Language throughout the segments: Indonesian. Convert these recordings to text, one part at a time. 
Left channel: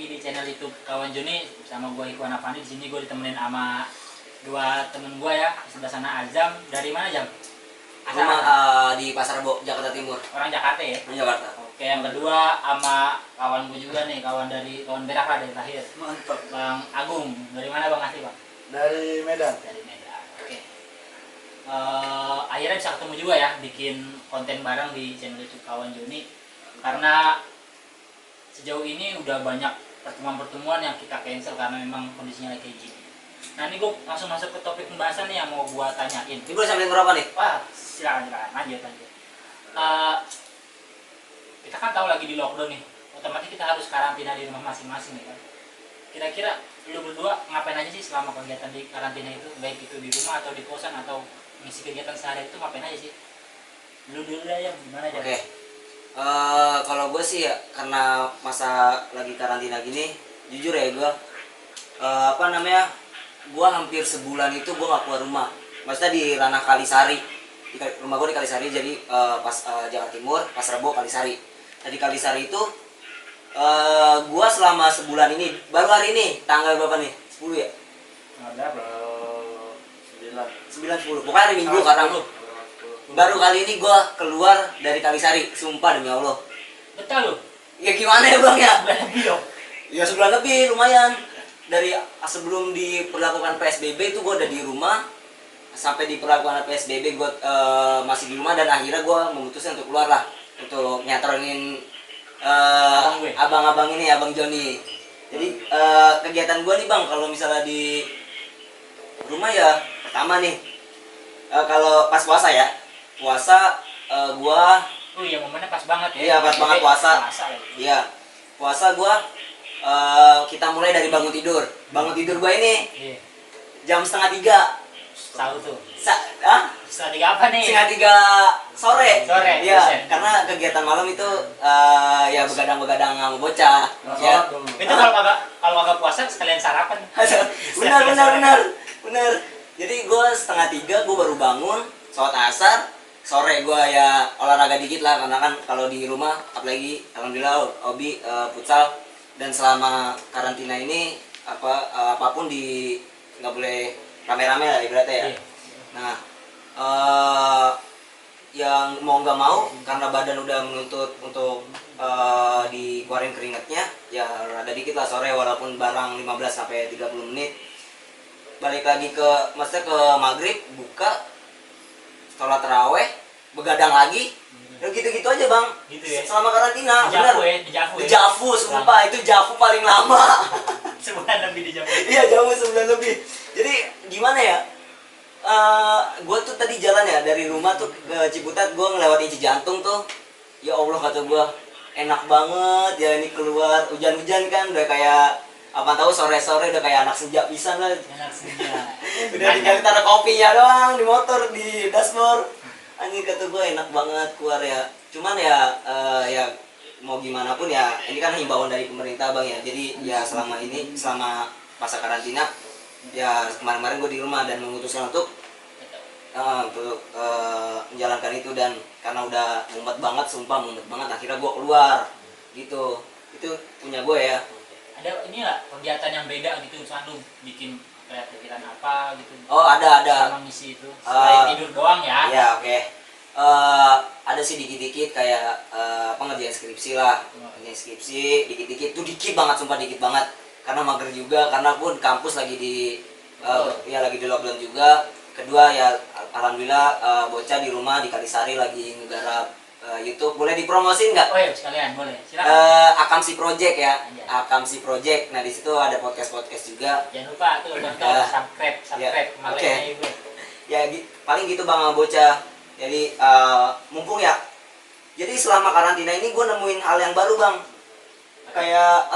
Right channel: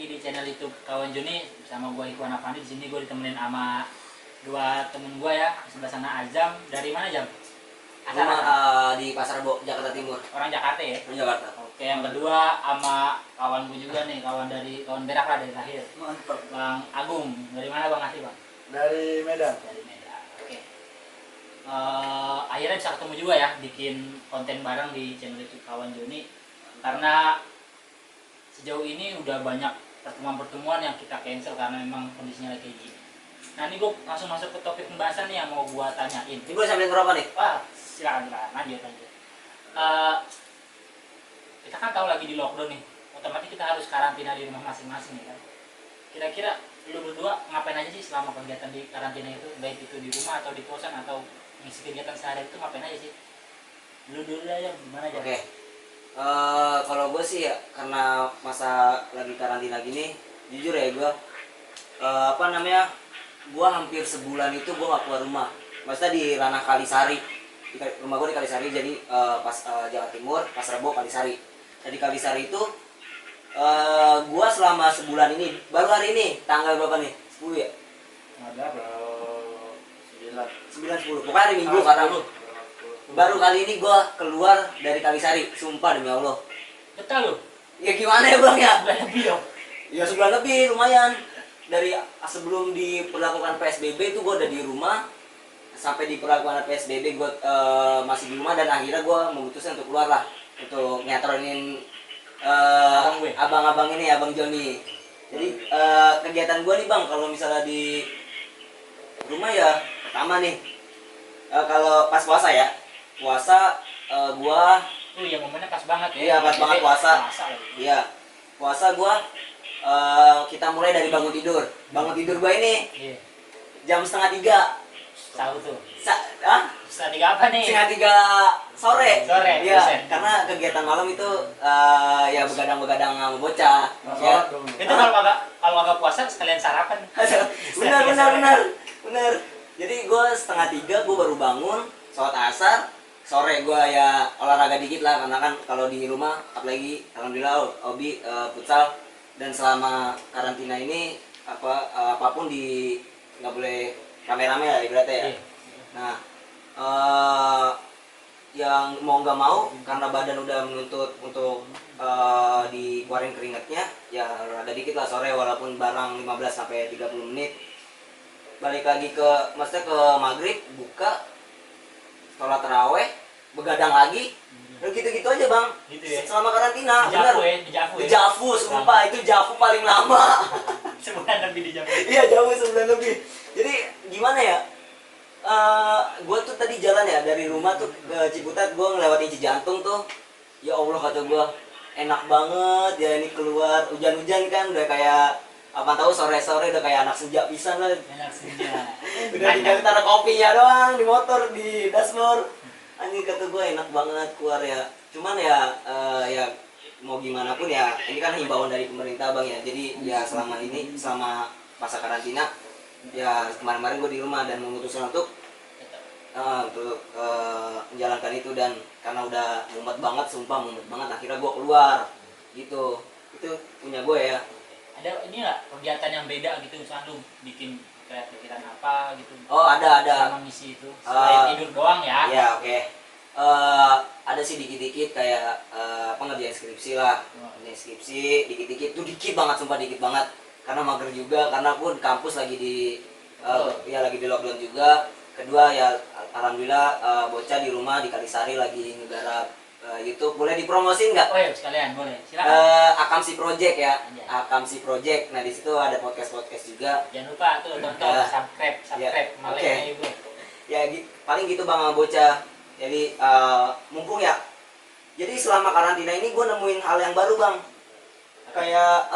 lagi di channel YouTube Kawan Joni sama gue Ikhwan Afandi. Di sini gue ditemenin sama dua temen gue ya. Di sebelah sana Azam. Dari mana Jam? Rumah di Pasar Rebo, Jakarta Timur. Orang Jakarta ya? Orang Jakarta. Oke, yang kedua sama kawan gue juga nih, kawan berak lah dari lahir. Mantap. Bang Agung. Dari mana Bang Asli Bang? Dari Medan. Dari Medan. Oke. Akhirnya bisa ketemu juga ya, bikin konten bareng di channel YouTube Kawan Joni. Karena sejauh ini udah banyak pertemuan-pertemuan yang kita cancel karena memang kondisinya lagi kayak gini. Nah ini gue langsung masuk ke topik pembahasan nih yang mau gue tanyain. Ini boleh sampai berapa nih? Wah, silakan lanjut. Kita kan tahu lagi di lockdown nih, otomatis kita harus karantina di rumah masing-masing ya kan. Kira-kira lu berdua ngapain aja sih selama kegiatan di karantina itu, baik itu di rumah atau di kosan atau ngisi kegiatan sehari itu ngapain aja sih? Lu dulu aja gimana aja? Oke. Kalau gue sih ya karena masa lagi karantina gini, jujur ya gue gue hampir sebulan itu gue gak keluar rumah. Maksudnya di ranah Kalisari, rumah gue di Kalisari, jadi pas Jawa Timur, Pasar Rebo, Kalisari. Nah di Kalisari itu gue selama sebulan ini, baru hari ini tanggal berapa nih? 10 ya? Ada 9. 9, 10, pokoknya hari Minggu karena baru kali ini gue keluar dari Kalisari, sumpah demi Allah. Betul lu? Ya gimana ya bang ya? Udah lebih dong? Ya sebulan lebih, lumayan. Dari sebelum diperlakukan PSBB itu gue udah di rumah. Sampai diperlakukan PSBB gue masih di rumah. Dan akhirnya gue memutuskan untuk keluar lah. Untuk nyatronin abang-abang ini, Abang Joni. Jadi kegiatan gue nih bang, kalau misalnya di rumah ya pertama nih, kalau pas puasa ya, gua iya momennya pas banget ya. iya pas banget puasa. Ya. Iya puasa gua kita mulai dari bangun tidur gua ini Iya. jam 2:30. Tahu tuh. Setengah tiga apa nih? 2:30 sore. Iya Buset. karena kegiatan malam itu ya begadang sama bocah ya. Itu kalau kagak puasa sekalian sarapan. benar. Jadi gue 2:30 gue baru bangun, sholat asar, sore gue ya olahraga dikit lah karena kan kalau di rumah apalagi alhamdulillah hobi futsal, dan selama karantina ini apapun nggak boleh rame-rame lah ibaratnya ya. Nah yang mau nggak mau karena badan udah menuntut untuk dikeluarin keringatnya, ya olahraga dikit lah sore walaupun barang 15-30 menit. Balik lagi maksudnya ke maghrib, buka, sholat taraweh, begadang lagi, dan gitu-gitu aja bang. Gitu ya? Selama karantina, bener. Dejavu, sumpah itu javu paling lama. Sebulan lebih dejavu. Iya javu sebulan lebih. Jadi gimana ya? Gue tuh tadi jalan ya dari rumah tuh ke Ciputat, gue ngelewatin Cijantung tuh. Ya Allah kata gue, enak banget ya ini keluar, hujan-hujan kan udah kayak apa tahu sore-sore udah kayak anak senja pisan lah. Enak senja. Udah tinggal taruh kopinya doang di motor di dashboard. Anjing kata gue enak banget keluar ya. Cuman ya ya mau gimana pun ya ini kan himbauan dari pemerintah bang ya. Jadi ya selama masa karantina ya kemarin-kemarin gue di rumah dan memutuskan untuk menjalankan itu, dan karena udah mumet banget, sumpah mumet banget, akhirnya gue keluar gitu. Itu punya gue ya. Ada ini nggak kegiatan yang beda gitu, misalnya lu bikin kreativitas apa gitu? Oh ada. Sama misi itu selain tidur doang ya? Ya oke. Ada sih dikit-dikit kayak pengerjaan skripsi lah. Pengerjaan skripsi dikit-dikit, tuh dikit banget, sumpah dikit banget. Karena mager juga, karena pun kampus lagi lagi di lockdown juga. Kedua ya alhamdulillah bocah di rumah di Kalisari lagi ngegarap YouTube. Boleh dipromosin nggak? Oh ya sekalian boleh, silakan. Akamsi Project ya. Akamsi Project. Nah di situ ada podcast juga. Jangan lupa tuh nonton, subscribe, Oke. Ya paling gitu bang bocah. Jadi mumpung ya. Jadi selama karantina ini gue nemuin hal yang baru bang. Kayak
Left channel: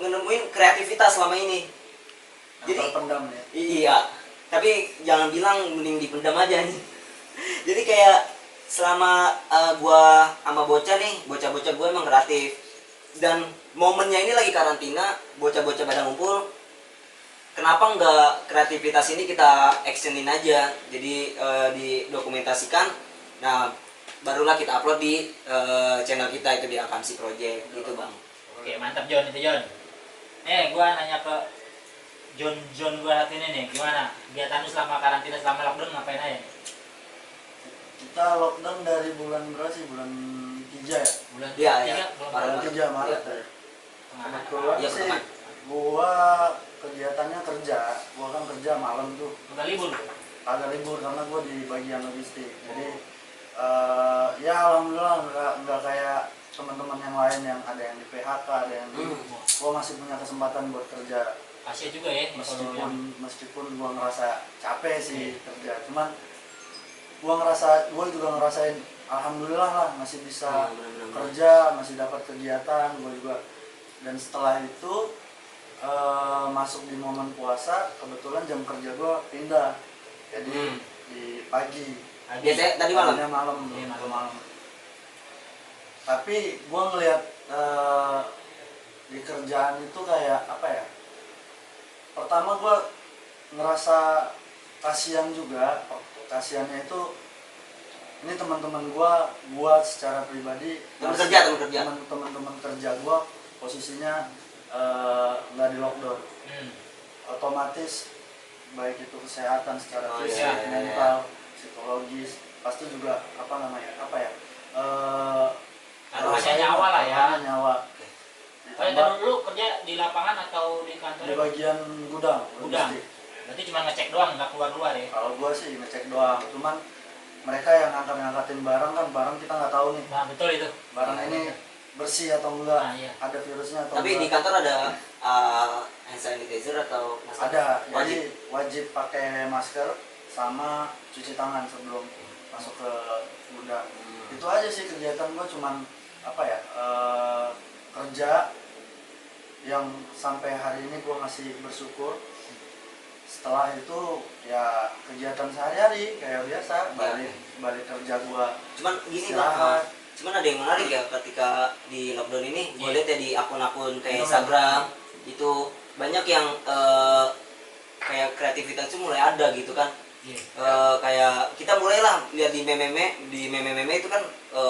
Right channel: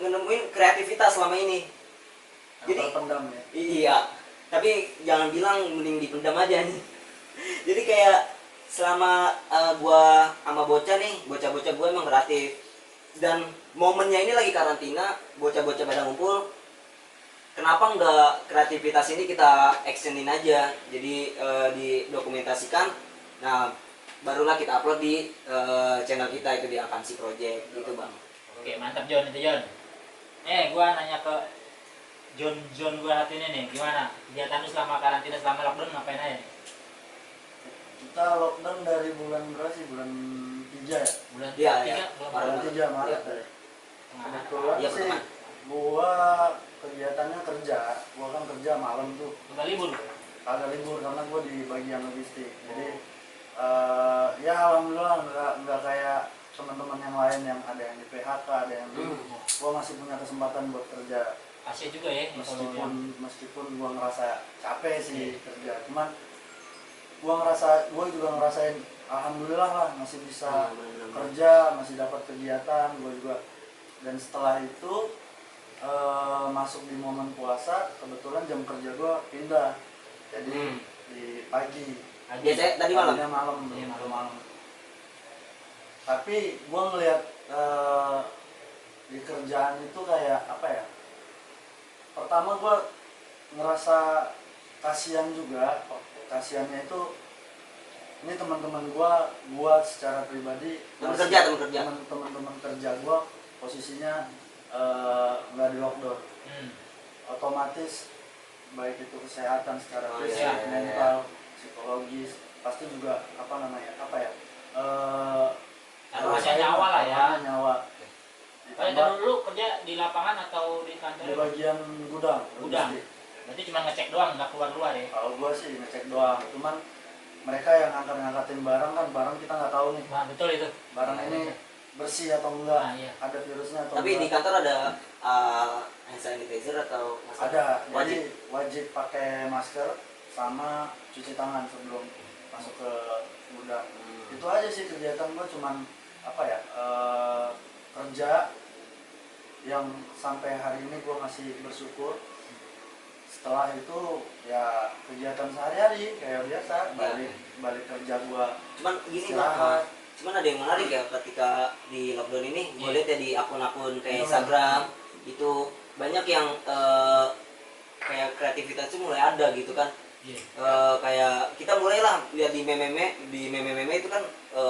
nemuin kreativitas selama ini. Jadi pendam ya. Iya. Tapi jangan bilang mending dipendam aja nih. Jadi kayak selama gua sama bocah bocah-bocah gue emang kreatif, dan momennya ini lagi karantina, bocah-bocah pada ngumpul, kenapa nggak kreativitas ini kita actionin aja, jadi didokumentasikan, nah barulah kita upload di channel kita itu di Akamsi Project gitu bang. Oke mantap John itu John. Gua nanya ke John gua satu ini nih, gimana kegiatan lu selama karantina, selama lockdown ngapain aja? Kita lockdown dari bulan berapa sih? Bulan 3 ya? Bulan Iya, tiga, iya. bulan Bulan Maret. 3 Maret ya. tengah. Kebetulan Iya, sih pertemuan. gua kegiatannya kerja. Gua kan kerja malam tuh. Udah libur. Agak libur karena gua di bagian logistik. Jadi ya alhamdulillah nggak kayak teman-teman yang lain yang ada yang di PHK, ada yang gua masih punya kesempatan buat kerja. Kasian juga ya kalau yang Meskipun gua ngerasa capek sih kerja, cuman gua juga ngerasain alhamdulillah lah masih bisa Bener-bener. kerja, masih dapat kegiatan gua juga. Dan setelah itu masuk di momen puasa, kebetulan jam kerja gua pindah jadi di pagi. Biasanya tadi malam. Tadinya malam, Iya, gua malam. Tapi gua ngelihat di kerjaan itu kayak apa ya, pertama gue ngerasa kasihan juga. Kasihannya itu ini teman-teman gue secara pribadi, Teman kerja. teman-teman kerja gue posisinya nggak di lockdown, otomatis baik itu kesehatan secara Oh, fisik, iya, mental, psikologis, pasti juga taruhannya nyawa lah ya. taruhannya nyawa. Kalau Ditambah dulu lu kerja di lapangan atau di kantor? di bagian gudang. Gudang. logistik. Berarti cuma ngecek doang, nggak keluar ya? Kalau gua sih ngecek doang, cuman mereka yang ngangkatin barang kan, barang kita nggak tahu nih Nah, betul itu. barang ini bersih atau enggak, Nah, iya. ada virusnya atau Tapi di enggak. kantor ada hand sanitizer atau masker? Ada, Wajib. jadi wajib pakai masker sama cuci tangan sebelum masuk ke gudang. Itu aja sih kegiatan gua, cuman kerja yang sampai hari ini gua masih bersyukur. Setelah itu ya kegiatan sehari-hari kayak biasa, balik kerja gua Cuman gini istirahat. cuman ada yang menarik ya ketika di lockdown ini. Gue Iya. lihat ya di akun-akun kayak Iya. Instagram itu banyak yang kayak kreativitas itu mulai ada gitu kan. Iya. Kayak kita mulailah lihat di meme itu kan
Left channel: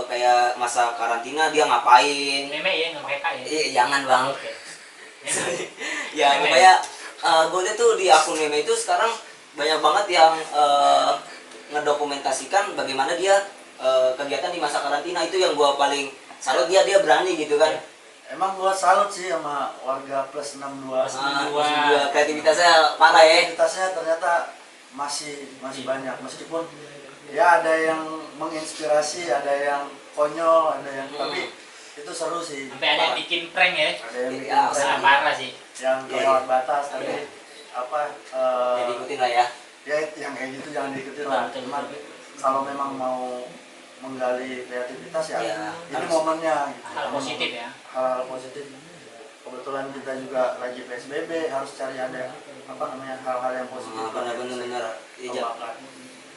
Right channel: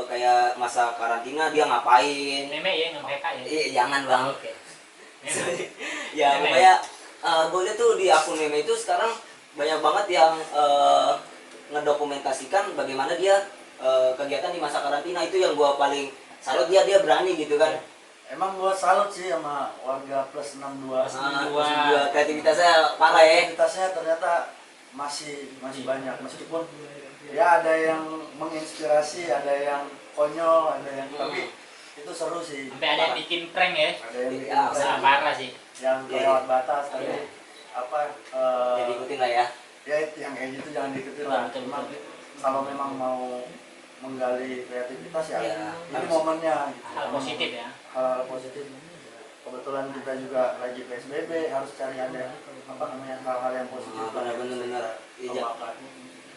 kayak masa karantina dia ngapain. Meme ya, nggak pakai K ya? Jangan bang. Oke. Meme. Ya Meme. pokoknya gue lihat tuh di akun meme itu sekarang banyak banget yang ngedokumentasikan bagaimana dia kegiatan di masa karantina. Itu yang gue paling salut, dia berani gitu kan. Emang gua salut sih sama warga plus 62. Plus Juga kreativitasnya parah ya. Aktivitasnya ternyata masih banyak, meskipun ya ada yang menginspirasi, ada yang konyol, ada yang tapi itu seru sih. Sampai ada yang bikin prank ya? Ada yang bikin Ya, prank, Nah, parah sih. yang kelewat batas tapi Jadi ikutin lah ya. ya yang kayak gitu jangan diikutin lah. Betul, Cuman betul. kalau memang mau menggali kreativitas ya, Ya, ini harus. momennya gitu. Hal positif ya. Hal-hal positif. Kebetulan kita juga lagi PSBB, harus cari ada hal-hal yang positif Ah, lah yang benar-benar. bisa kita Iya, kembangkan.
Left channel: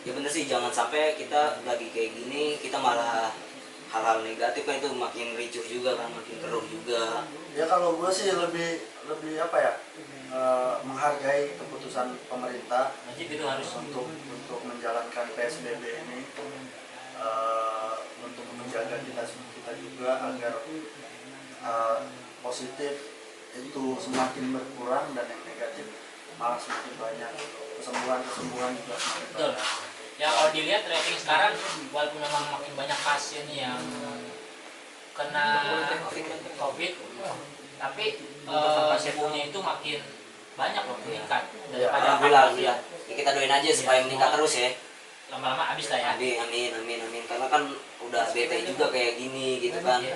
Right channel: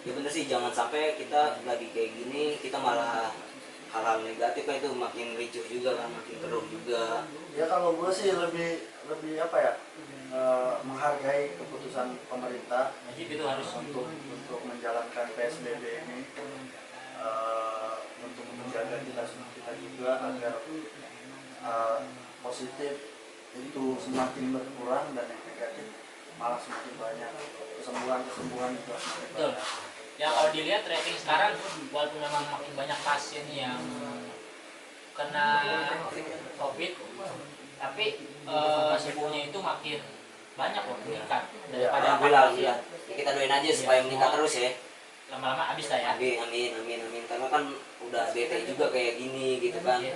Ya bener sih, jangan sampai kita lagi kayak gini kita malah hal-hal negatif kan, itu makin ricuh juga kan, makin keruh juga. Ya kalau gue sih lebih menghargai keputusan pemerintah Wajib itu harus. untuk menjalankan PSBB ini, untuk menjaga kita juga agar positif itu semakin berkurang dan yang negatif malah semakin banyak. Kesembuhan juga semakin Betul. banyak. Ya kalau dilihat rating sekarang, walaupun memang makin banyak pasien yang kena COVID, tapi sembuhnya itu makin banyak loh, meningkat daripada Alhamdulillah, ya. Kita doain aja supaya meningkat terus ya. lama-lama habis lah ya. Amin. Karena kan udah bete juga kayak gini gitu kan. Iya.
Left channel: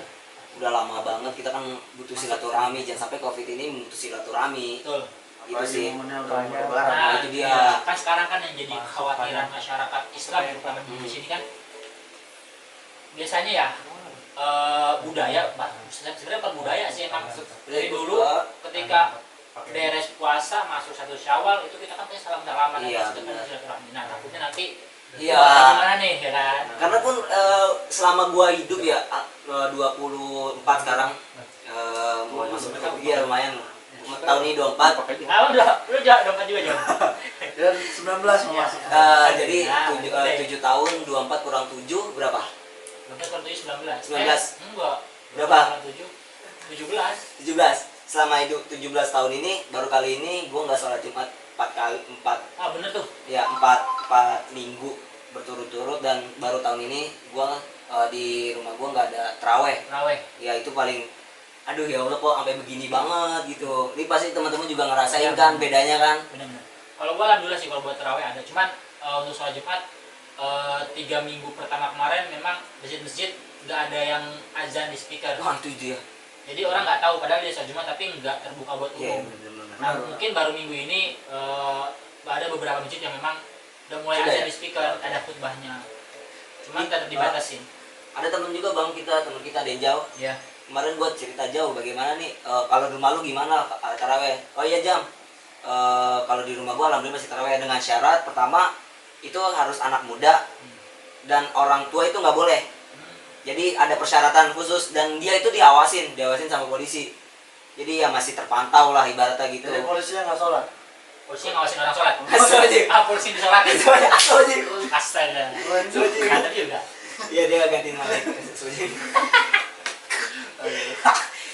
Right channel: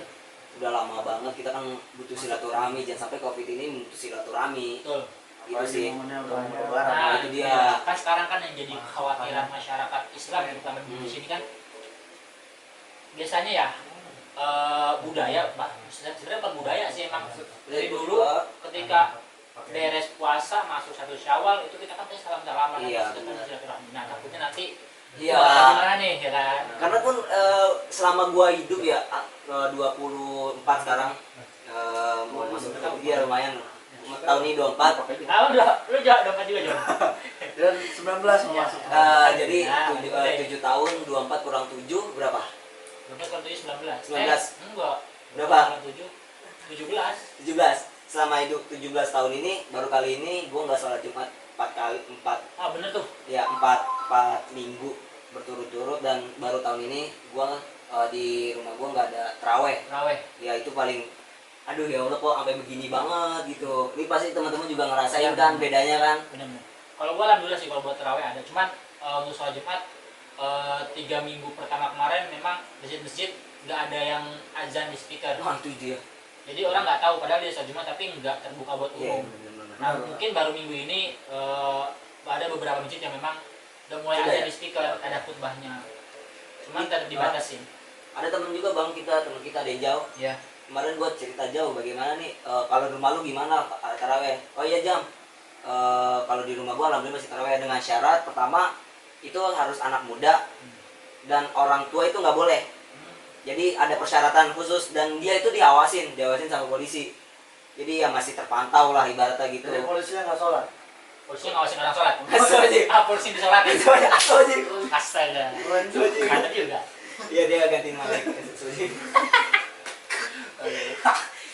Udah lama banget kita kan butuh silaturahmi, jangan sampai COVID ini butuh silaturahmi. Betul. Gitu Apalagi sih. momennya udah mau lebaran. Nah, itu dia. kan sekarang kan yang jadi kekhawatiran masyarakat Islam terutama di sini kan biasanya ya budaya, sebenarnya bukan budaya sih, emang dari dulu ketika beres puasa masuk 1 Syawal itu kita kan salam-salaman Iya, dan benar. silaturahmi. Nah, takutnya nanti Iya. gimana nih ya kan? Karena pun selama gua hidup ya 24 sekarang mau masuk dia lumayan tahun ini 24. Ah, lu dapat juga Jon. Dan 19 mau masuk. Jadi Nah, 7 tahun 24 kurang 7 berapa? 19 kalau 19. 19. Enggak. Berapa? 7. 17. Selama hidup 17 tahun ini baru kali ini gue nggak sholat Jumat 4 Bener tuh. ya 4 minggu berturut-turut, dan baru tahun ini gue di rumah gue nggak ada terawih. Ya itu paling, aduh ya Allah kok sampai begini banget gitu. Ini pasti teman-teman juga ngerasain kan bedanya kan. Bener. Kalau gue alhamdulillah sih kalau buat terawih ada, cuman untuk sholat Jumat 3 minggu pertama kemarin memang masjid-masjid nggak ada yang azan di speaker. Wah itu dia. Jadi orang nggak tahu padahal dia sholat Jumat tapi nggak terbuka buat umum. Bener-bener. Nah mungkin baru minggu ini ada beberapa masjid yang memang udah mulai azan di speaker, ada khutbahnya. Cuman tetap dibatasin. Ada temen juga bang temen kita ada yang jauh. Iya. Kemarin gue cerita jauh bagaimana nih kalau di rumah lu gimana taraweh. Oh iya Jam, kalau di rumah gue alhamdulillah masih taraweh dengan syarat pertama itu harus anak muda dan orang tua itu nggak boleh. Jadi ada persyaratan khusus dan dia itu diawasin sama polisi. Jadi ya masih terpantau lah ibaratnya gitu. Jadi polisinya nggak sholat. Polisi ngawasin orang sholat. Wajib. Polisi disolatin. Wajib. Astaga. Wajib. Ada juga. Iya dia gantiin Malik.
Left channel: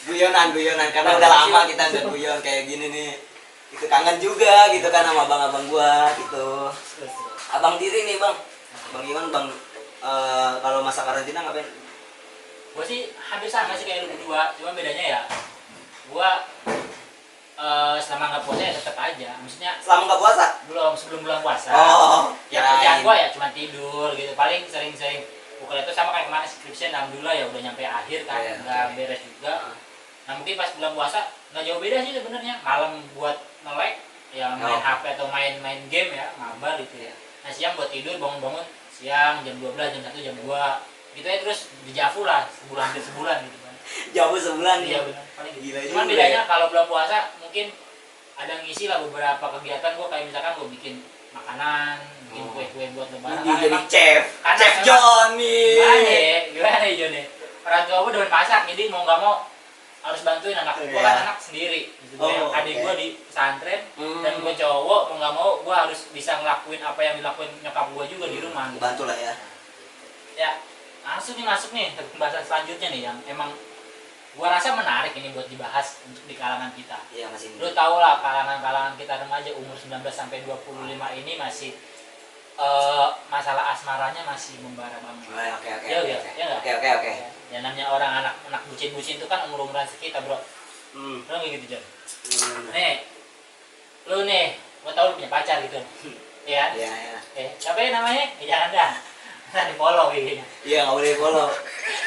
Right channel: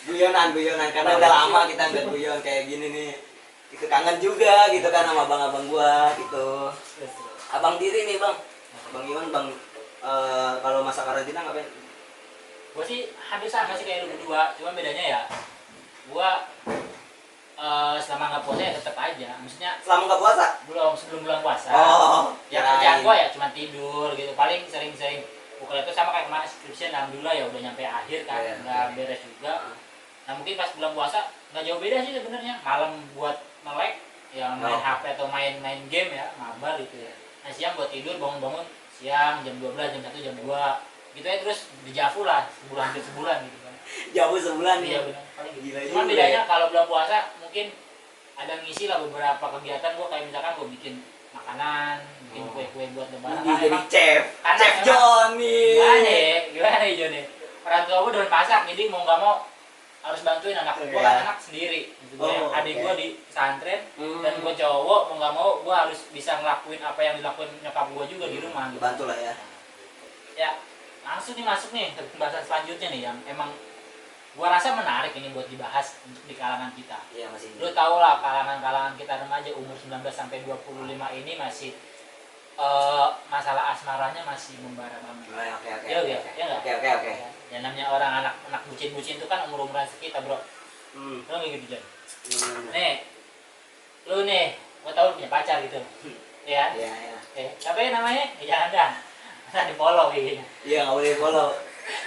guyonan karena udah lama kita nggak guyon kayak gini nih. Itu kangen juga gitu kan sama abang-abang gua gitu. Abang diri nih bang. Bang Iwan bang kalau masa karantina ngapain? Gue sih hampir sama sih kayak lu berdua, cuma bedanya ya gue selama nggak puasa ya tetap aja, maksudnya Selama nggak puasa? sebelum bulan puasa. Oh, Ya kerjaan gue ya cuma tidur gitu, paling sering-sering bukan itu sama kayak kemarin skripsi, alhamdulillah ya udah nyampe akhir kan, Iya, nggak beres juga. Nah mungkin pas bulan puasa nggak jauh beda sih sebenarnya, malam buat melek ya main HP atau main game ya, mabar gitu ya. Nah siang buat tidur, bangun-bangun siang jam 12, jam 1, jam 2 gitu ya, terus dijafu lah hampir sebulan gitu kan. Jauh sebulan Iya ya. benar, paling gitu. Gila Cuman juga bedanya ya. kalau bulan puasa mungkin ada ngisi lah beberapa kegiatan gue, kayak misalkan gue bikin makanan, bikin kue-kue buat lebaran. Jadi Emang chef karena Johnny. gimana ya Joni? Orang tua gue demen masak, jadi mau nggak mau harus bantuin anak gue. Iya. Kan anak sendiri gitu. Oh, Adik oke. gue di pesantren dan gue cowok, mau nggak mau gue harus bisa ngelakuin apa yang dilakuin nyokap gue juga di rumah gitu. Bantu lah ya. Ya langsung nih masuk nih ke pembahasan selanjutnya nih yang emang gua rasa menarik ini buat dibahas untuk di kalangan kita. Iya masih. Lu tau lah kalangan kita remaja umur 19 sampai 25 ini masih masalah asmaranya masih membara banget. Oke. Iya nggak? Oke. Ya namanya orang anak bucin-bucin itu kan umur-umuran sekitar bro. Lu kayak gitu Jon. Nih, lu nih, gua tau lu punya pacar gitu. Iya. Iya. Siapa ya namanya? Jangan dah. Nanti follow kayaknya. Iya nggak boleh follow.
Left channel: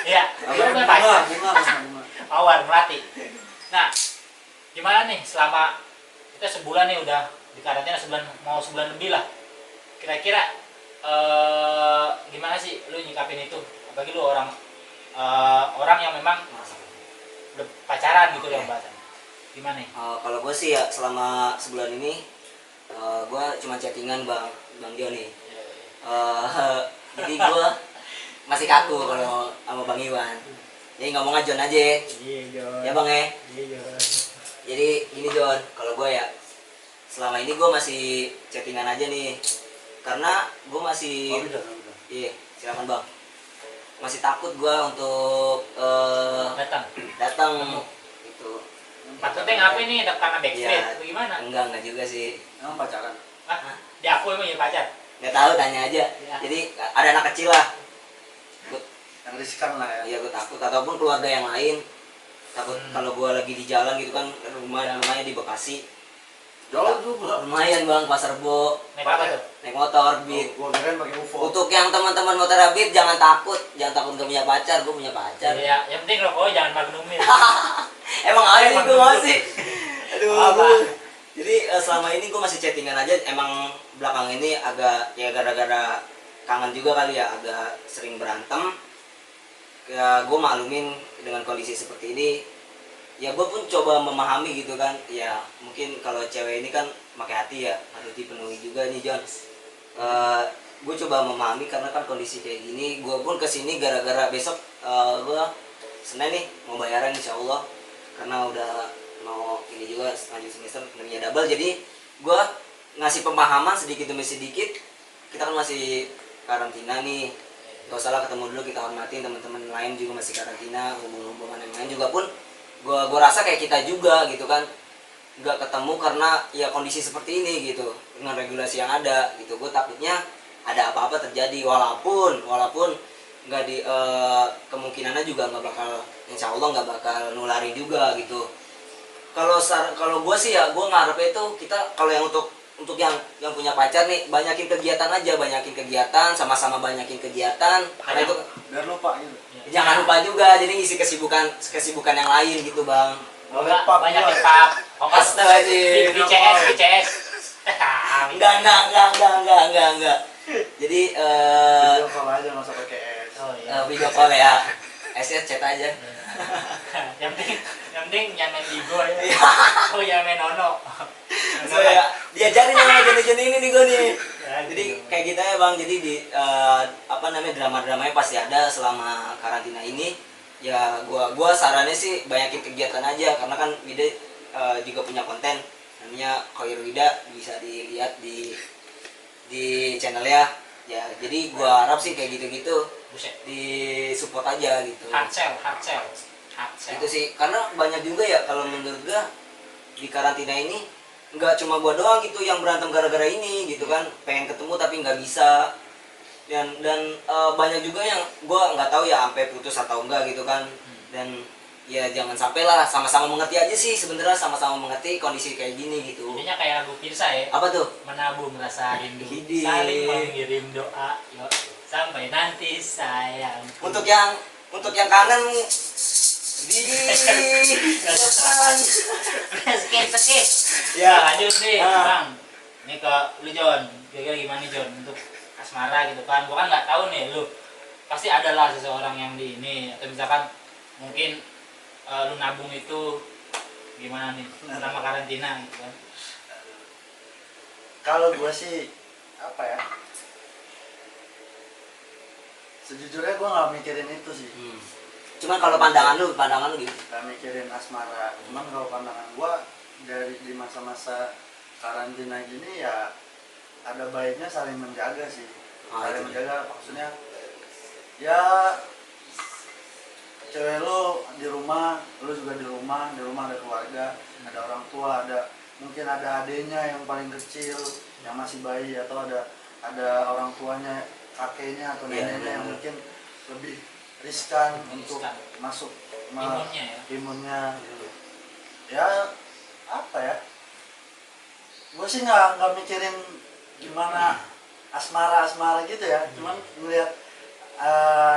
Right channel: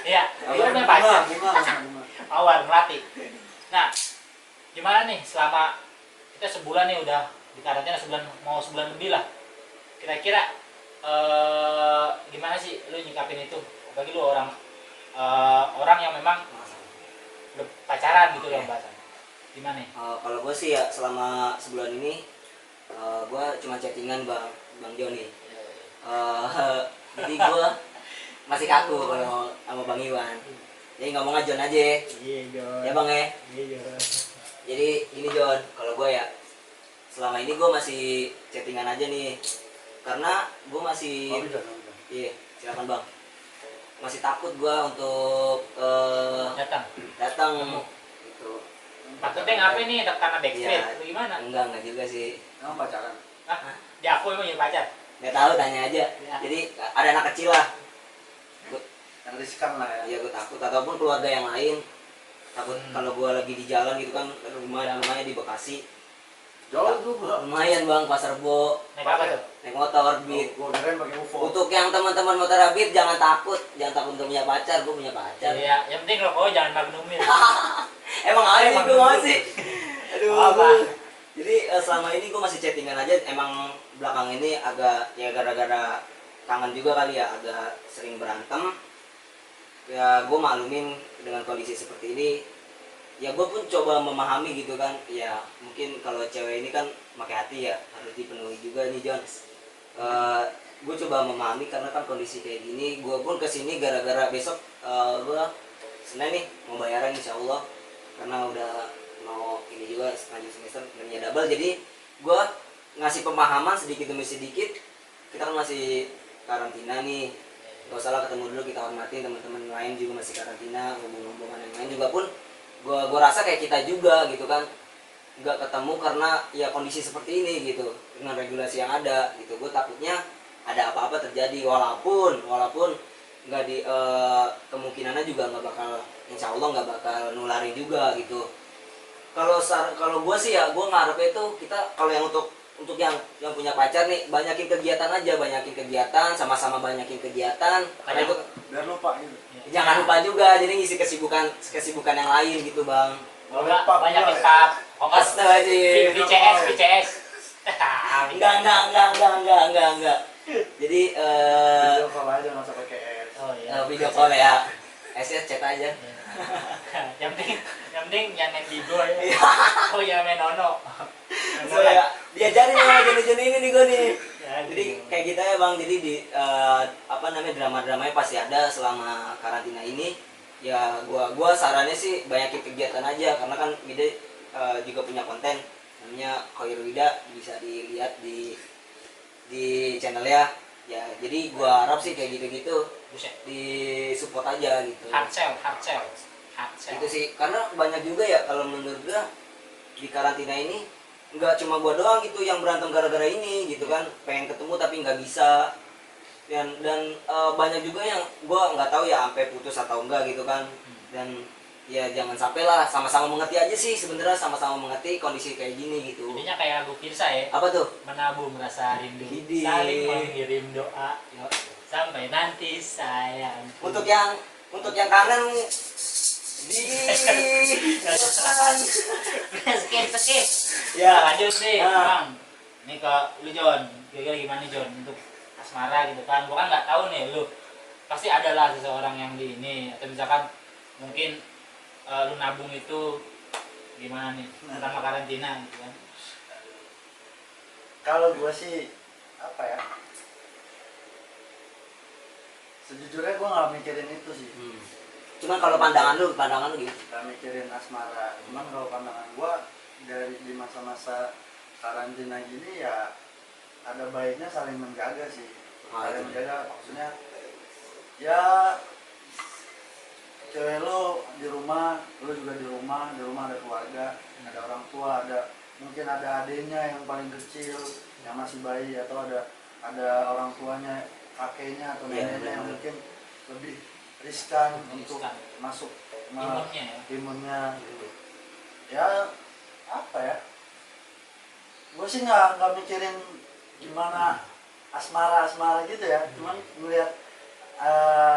Iya, dia punya pacar. Bunga. Mawar Melati. Nah, gimana nih selama kita sebulan nih udah di karantina, mau sebulan lebih lah. Kira-kira gimana sih lu nyikapin itu? Apalagi lu orang yang memang udah pacaran gitu ya bahasannya. Gimana nih? Kalau gue sih ya selama sebulan ini gue cuma chattingan bang Joni. Jadi gue masih kaku kalau sama Bang Iwan. Jadi ngomong aja Jon aja. Iya, Jon. Ya Bang ya. Iya, Jon. Jadi gini Jon, kalau gue ya selama ini gue masih chattingan aja nih. Karena gue masih iya, silakan Bang. Masih takut gue untuk datang gitu. Maksudnya ngapain nih? Karena backstreet Iya. atau gimana? Enggak juga sih. Emang pacaran? Hah? Dia aku emang jadi pacar. Nggak tahu, tanya aja. Ya. Jadi ada anak kecil lah. Yang riskan lah ya. Iya gue takut, ataupun keluarga yang lain takut kalau gue lagi di jalan gitu kan, rumahnya di Bekasi. Jauh juga. Lumayan Bang, Pasar Rebo. Naik apa tuh? Naik motor Beat. Gua kirain pakai UFO. Untuk yang teman-teman motor Beat jangan takut gak punya pacar, gue punya pacar. Iya, yang penting rokoknya jangan magnumin. Emang ada sih gue masih. Aduh. Apa? Jadi selama ini gue masih chattingan aja. Emang belakang ini agak ya gara-gara kangen juga kali ya, agak sering berantem. Ya gue maklumin dengan kondisi seperti ini. Ya gue pun coba memahami gitu kan. Ya mungkin kalau cewek ini kan pakai hati ya, harus dipenuhi juga nih Jon. Gue coba memahami karena kan kondisi kayak gini. Gue pun kesini gara-gara besok gue Senin nih mau bayaran insya Allah, karena udah mau ini juga lanjut semester nilainya double. Jadi gue ngasih pemahaman sedikit demi sedikit. Kita kan masih karantina nih, gak usah lah ketemu dulu, kita hormatin teman-teman lain juga masih karantina, hubungan yang lain juga pun gua rasa kayak kita juga gitu kan, nggak ketemu karena ya kondisi seperti ini gitu, dengan regulasi yang ada gitu. Gue takutnya ada apa-apa terjadi, walaupun nggak di kemungkinannya juga nggak bakal, insya Allah nggak bakal nularin juga gitu. Kalau gue sih ya, gue ngarepnya itu kita kalau yang untuk yang punya pacar nih, banyakin kegiatan aja, banyakin kegiatan, sama-sama banyakin kegiatan, karena itu biar lupa gitu. jangan lupa juga, jadi ngisi kesibukan yang lain gitu bang. Boleh pap banyak juga ya? pap. Astagfirullahaladzim. BCS. Enggak. Jadi Video call aja nggak usah pakai es. Oh iya. video call ya. SS chat aja. yang penting jangan main Bigo ya. Oh ya main Ono. So ya, diajarin ya jenis-jenis ini nih gue nih. Ya, Jadi gitu. kayak kita ya bang, jadi di drama-dramanya pasti ada selama karantina ini. Ya gua sarannya sih banyakin kegiatan aja, karena kan Wida juga punya konten namanya Khoirul Wida, bisa dilihat di channelnya ya. Jadi gua harap sih kayak gitu-gitu Buset. di support aja gitu. Hard sell. Itu sih, karena banyak juga ya kalau menurut gua di karantina ini nggak cuma gua doang gitu yang berantem gara-gara ini gitu kan, pengen ketemu tapi nggak bisa, dan banyak juga yang gua nggak tahu ya sampai putus atau enggak gitu kan. Dan ya jangan sampai lah, sama-sama mengerti aja sih sebenarnya, sama-sama mengerti kondisi kayak gini gitu. Jadinya kayak lagu Pirsa ya. Apa tuh? Menabung rasa rindu, Hidi. saling mengirim doa, yuk sampai nanti sayang. Untuk yang kangen di depan. Skip. Ya. Lanjut nih, Ah. Bang. Ini ke lu John. Kira-kira gimana John untuk asmara gitu kan? Gua kan nggak tahu nih lu. Pasti ada lah seseorang yang di ini, atau misalkan mungkin lu nabung itu gimana nih selama karantina gitu kan? Kalau gue sih apa ya, sejujurnya gue nggak mikirin itu sih, Cuman kalau pandangan lu gitu. nggak mikirin asmara. Cuman kalau pandangan gue dari di masa-masa karantina gini ya, ada baiknya saling menjaga sih. Saling itu menjaga maksudnya ya, cewek lu di rumah, lu juga di rumah ada keluarga, ada orang tua, mungkin ada adiknya yang paling kecil yang masih bayi, atau ada orang tuanya, kakeknya atau Iya, neneknya yang benar. mungkin lebih riskan Lebih untuk riskan. masuk Imunnya ya. imunnya gitu. Ya apa ya, gue sih nggak mikirin gimana asmara gitu ya, cuman melihat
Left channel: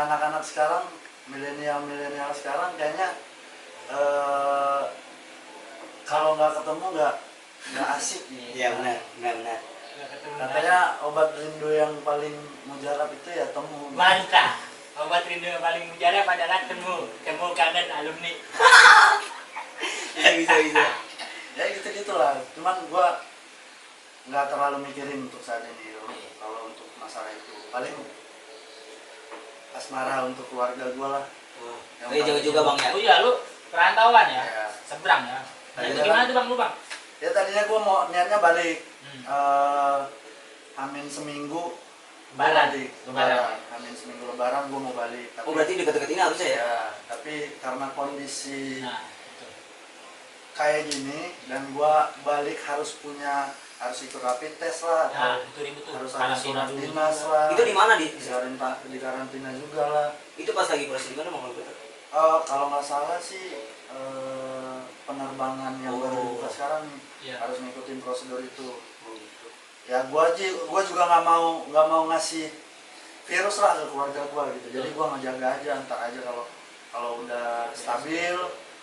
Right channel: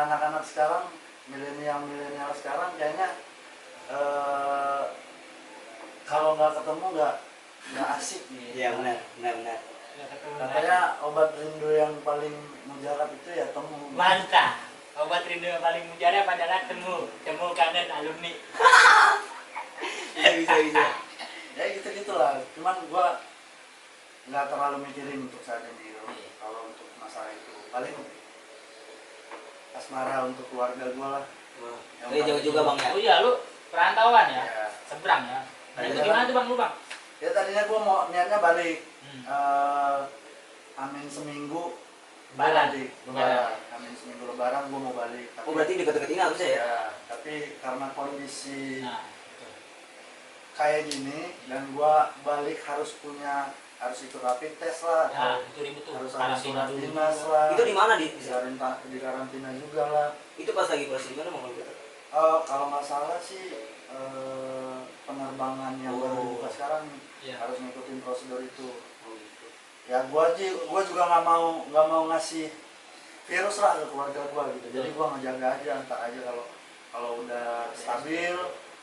anak-anak sekarang, milenial sekarang kayaknya kalau nggak ketemu nggak asik. Iya benar. Nggak ketemu Katanya obat rindu yang paling mujarab itu ya temu. mantap. Obat rindu yang paling mujarab adalah temu kangen alumni. Bisa. Ya gitulah. Cuman gua nggak terlalu mikirin untuk saat ini. Kalau untuk masalah itu paling asmara untuk keluarga gua lah. Tapi jauh juga bang ya. Oh iya lu perantauan ya? Ya. Seberang ya? Nah, itu Iya. gimana tuh bang lu bang? Ya tadinya gua mau niatnya balik. Hmm. Amin seminggu gua Lebaran. balik. Lebaran. Amin seminggu lebaran gua mau balik. Tapi, Oh berarti deket-deket ini harusnya ya? ya, tapi karena kondisi Nah, itu. kayak gini dan gua balik harus ikut rapid test lah, Nah, atau itu ribut tuh. harus ada Karantina surat dulu dinas juga. lah, Itu di mana di? di karantina juga lah. Itu pas lagi proses di mana mau kalau betul? Kalau nggak salah sih penerbangan yang baru Oh. dibuka sekarang nih, Iya. harus ngikutin prosedur itu. Oh gitu. Ya gua juga nggak mau ngasih virus lah ke keluarga gua gitu. Jadi gua ngejaga aja, ntar aja kalau udah stabil,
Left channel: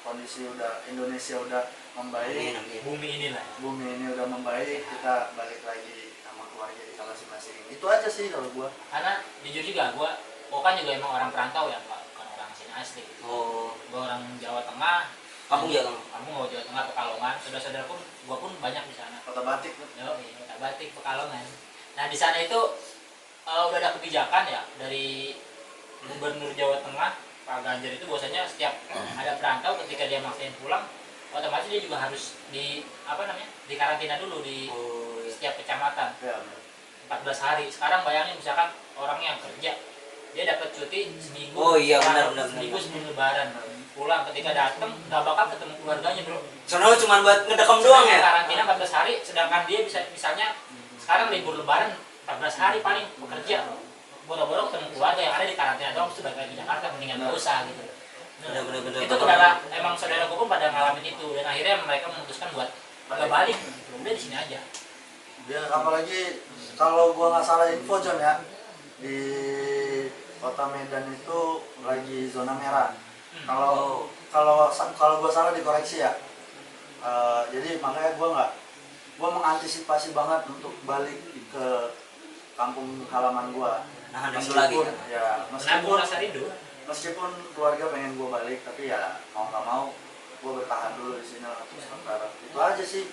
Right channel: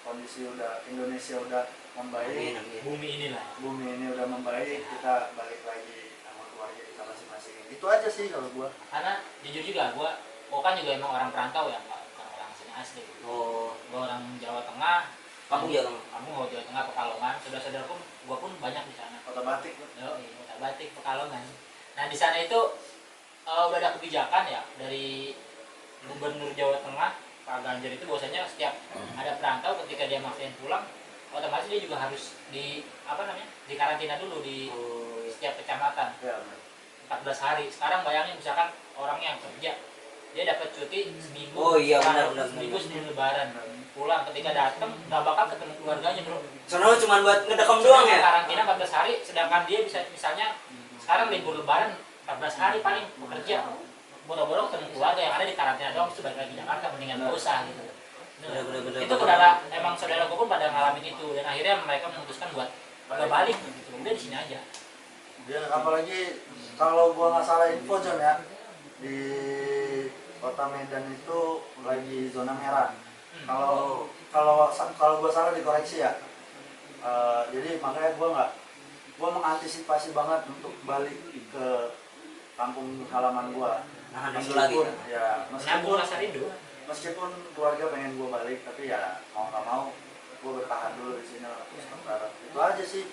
kondisi udah Indonesia udah membaik, Amin. Bumi inilah. bumi ini udah membaik, kita balik lagi sama keluarga kita masing-masing. Itu aja sih kalau gua. Karena jujur juga gua kan juga emang orang perantau ya, bukan orang sini asli. Oh, Gua orang Jawa Tengah. kamu ya bang? Kamu mau Jawa Tengah, Pekalongan. Saudara-saudaraku gua pun banyak di sana. Kota Batik tuh. Yo, Kota Batik, Pekalongan. Nah di sana itu udah ada kebijakan ya dari Gubernur Jawa Tengah Pak Ganjar itu, bahwasanya setiap ada perantau ketika dia maksain pulang, otomatis dia juga harus di karantina dulu di Oh iya. setiap kecamatan Ya, bener. 14 hari. Sekarang bayangin misalkan orang yang kerja dia dapat cuti seminggu. Oh iya, benar. Seminggu sebelum Lebaran. pulang, ketika datang nggak bakal ketemu keluarganya bro. Soalnya cuma buat ngedekam doang ya. Karantina 14 hari, sedangkan dia bisa misalnya sekarang libur lebaran 14 hari paling bekerja, boro-boro ketemu keluarga yang ada di karantina doang, itu balik lagi Jakarta, mendingan nggak usah gitu. Bener-bener. Itu saudara, emang saudara gue pun pada ngalamin itu, dan akhirnya mereka memutuskan buat nggak balik gitu. Udah di sini aja. Dia apalagi kalau gua nggak salah info John ya, di kota Medan itu lagi zona merah. Kalau gua salah dikoreksi ya. Jadi makanya gua mengantisipasi banget untuk balik ke kampung halaman gua. Nah, rindu lagi. Ya Nabung rasa rindu. meskipun keluarga pengen gua balik, tapi ya mau nggak mau gua bertahan dulu di sini lah untuk sementara. Itu aja sih.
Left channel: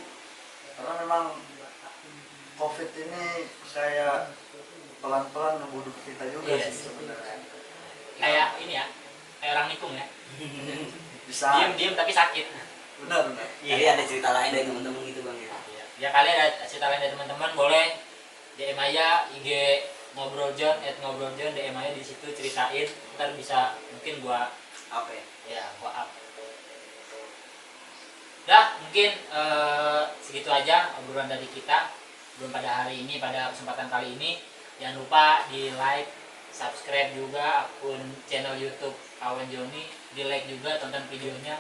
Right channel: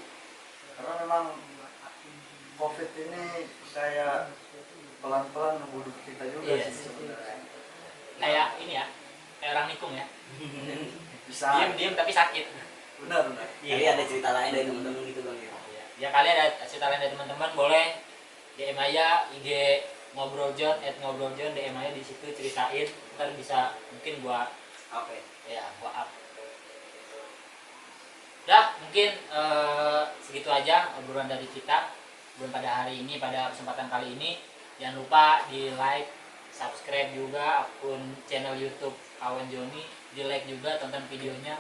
Karena memang COVID ini kayak pelan-pelan ngebunuh kita juga Yes. sih sebenarnya. Kayak ini ya, kayak orang nikung ya. Bisa. Diam-diam tapi sakit. Benar. Jadi ada cerita lain dari teman-teman gitu bang ya. Ya kali ada cerita lain dari teman-teman, boleh DM aja IG ngobrol John, DM aja di situ, ceritain, ntar bisa mungkin gua Oke. gua up. Dah mungkin segitu aja obrolan dari kita belum pada hari ini, pada kesempatan kali ini. Jangan lupa di like, subscribe juga akun channel YouTube Kawan Joni, di like juga, tonton videonya,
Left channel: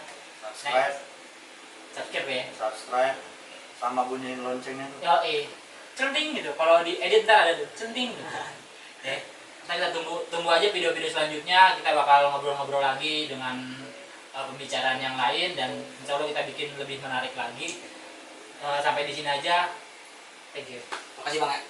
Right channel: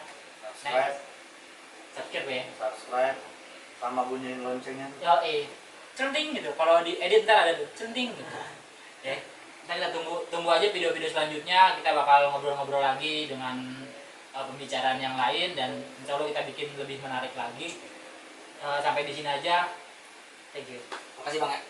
subscribe ya. Subscribe sama bunyiin loncengnya tuh. Centing gitu. Kalau di edit ntar ada tuh centing gitu. Ntar kita tunggu aja video-video selanjutnya. Kita bakal ngobrol-ngobrol lagi dengan pembicaraan yang lain, dan insya Allah kita bikin lebih menarik lagi. Sampai di sini aja. Thank you. Makasih bang ya.